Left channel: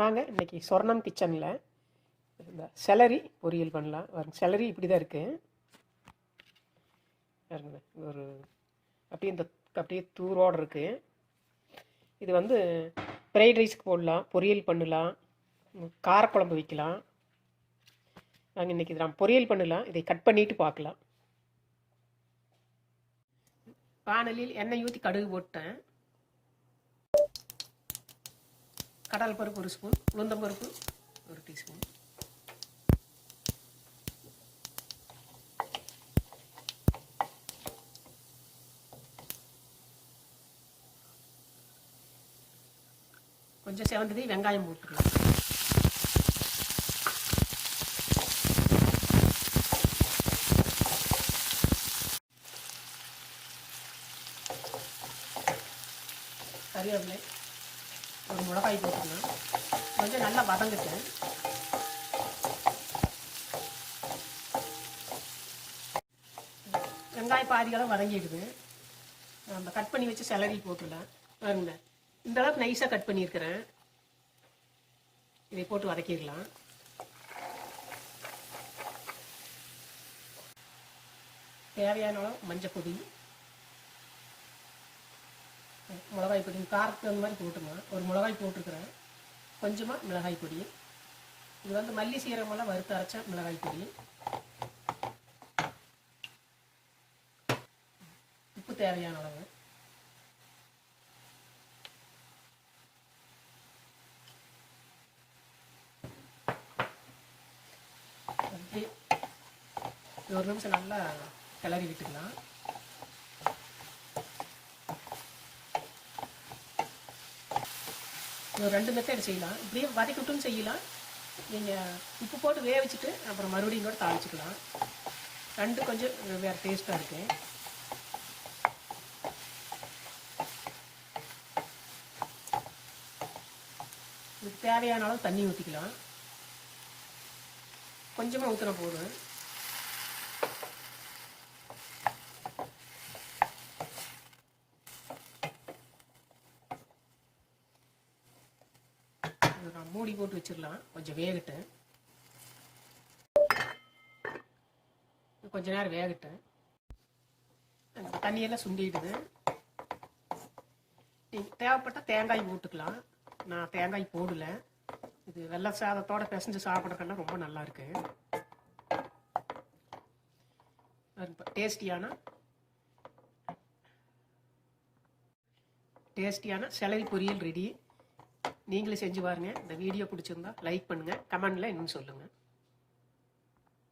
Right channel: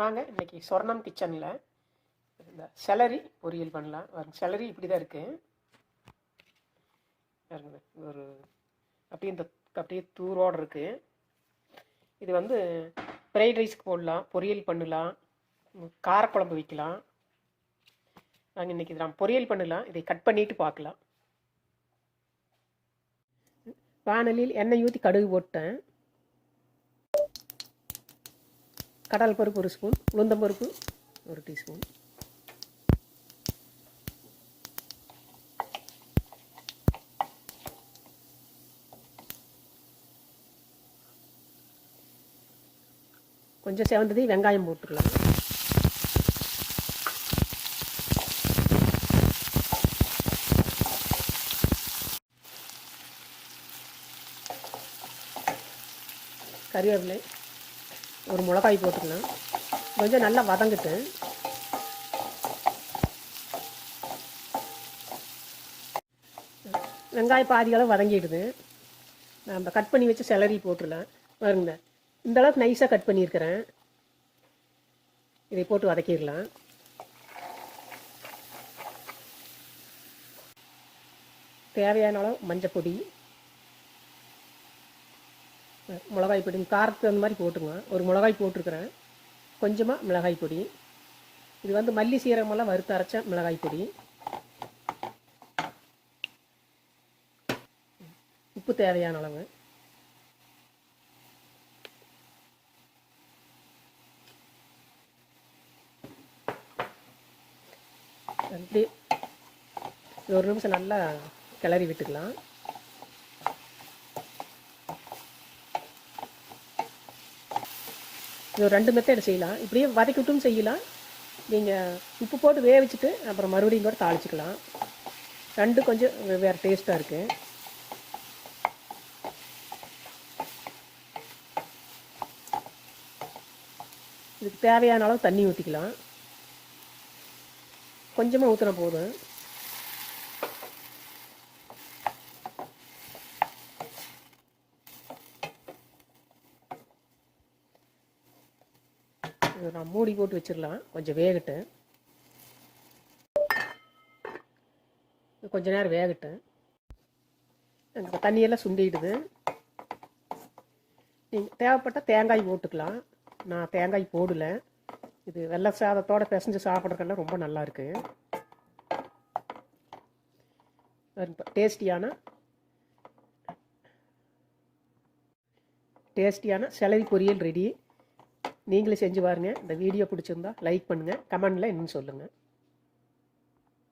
வாங்க இன்றைக்கி சொர்ணம் கிச்சனில் இந்த செலரி பொரியல் பண்ணலாம். செலரி இப்படி தான் இருக்குது பாருங்க. ஒரு அப்படியே தூரோடு இருக்குது. இது வந்து ஃப்ரைட் ரைஸ்க்கு போடலாம், பொரியல் பண்ணலாம், காரக்குழம்பு வைக்கலாம். நாங்கள் இன்றைக்கி இதை நான் பொரியல் பண்ணலாம். இதை கட் பண்ணிவிட்டு பார்க்கலாம். வானலில் எண்ணெய் ஊற்றி கடுகு போட்டேன். கடல் பருப்பு 1 ஸ்பூன், உளுந்தம்பருப்பு 1 டீஸ்பூன், கொஞ்சம் செவந்தது வெங்காயம் போட்டுக்கலாம். கறிவேப்பிலை, ஒரு மிளகாய் போட்டுக்கலாம். கொஞ்சம் நல்லா வதங்கிட்டு வெங்காயம் பாதி அளவு வதங்கிடுது. நம்ம கட் பண்ணி வச்சு செலரி போட்டுடலாம். பாருங்க, இந்த அளவுக்கு நைஸாக கட் பண்ணியிருக்கிறேன். இதை போட்டு வதக்கிடலாம். தேவையான அளவு மஞ்சள் பொடி, மிளகாய் பொடி காரத்துக்கு அந்த மாதிரி போட்டுங்க. ஒரு மிளகாய் போட்டிருக்கிறேன். கொஞ்சமாக மிளகாய் பொடி. இது வந்து மல்லி சீரகமெல்லாம் வறுத்து அரைச்ச மிளகாய் பொடி. உப்பு தேவையான அளவு. அப்படி 1 நிமிஷம் நல்லா கிளறி விட்டுக்கலாம். இது 2 மெத்தட் செய்யலாம். இப்படியே வதக்கி விட்டும் செய்யலாம். நீங்கள் உப்பு போட்டு வேவிச்சுட்டு அப்புறம் மறுபடியும் கூட தாளிச்சிக்கலாம். 2 கொஞ்சம் வேறு டேஸ்ட்டாக இருக்குது. இதுக்கு தேவையான அளவு தண்ணி ஊற்றிக்கலாம். கொஞ்சமாக ஊற்றின போதும். நான் மூடி போட்டு வச்சிடலாம். கொஞ்சம் வேகட்டு. கொஞ்ச நேரம் வேகட்டு. அந்த தண்ணியெல்லாம் சுண்டிடுது. நீங்கள் தேவைப்பட்டால் தேங்காய் போட்டுக்கலாம். நான் தேங்காய் போடல. இது வெள்ளை சாதத்தோட பிசைஞ்சு சாப்பிட்றதுக்கெல்லாம் ரொம்ப நல்லா இருக்கு. டேஸ்டியான செலரி பொரியல் ரெடி. நீங்களே செஞ்சு பாருங்கள். இந்த வீடியோ பிடிச்சிருந்தா லைக் பண்ணுங்கள், கமெண்டில் இன்னும் சொல்லுங்கள்.